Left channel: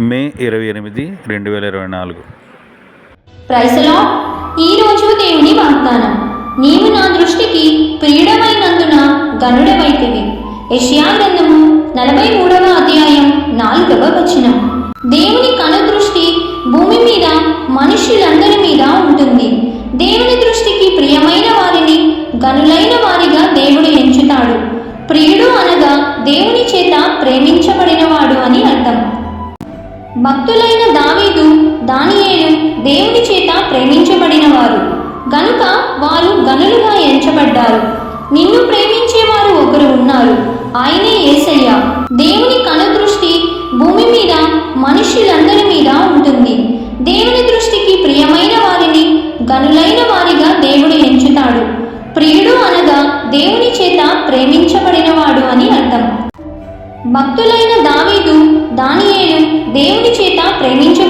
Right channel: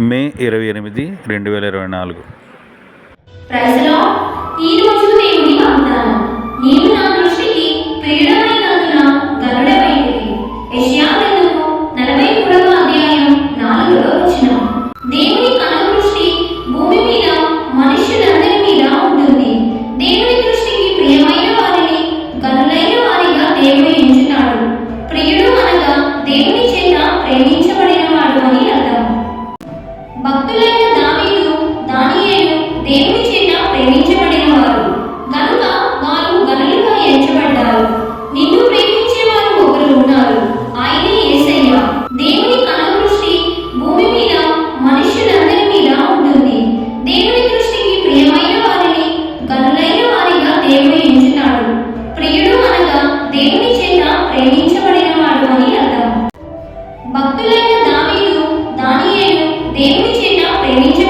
మే ఇరవై ఎనిమిది రెండు వేల ఇరవై నాలుగు. ఈ ఈరోజు దేవుని వాగ్దానం. నీవు నా దృష్టికి ప్రియుడమైనందున గనుడవైతివి యెషయా గ్రంథము నలభై మూడవ అధ్యాయం నాలుగవ వచనం. దేవుని కనుదృష్టి భూమి మీద మనుష్యులందరి మీద ఉంటుంది. దేవుని దృష్టికి ప్రియమైన వారిని గనులై భక్తులైన training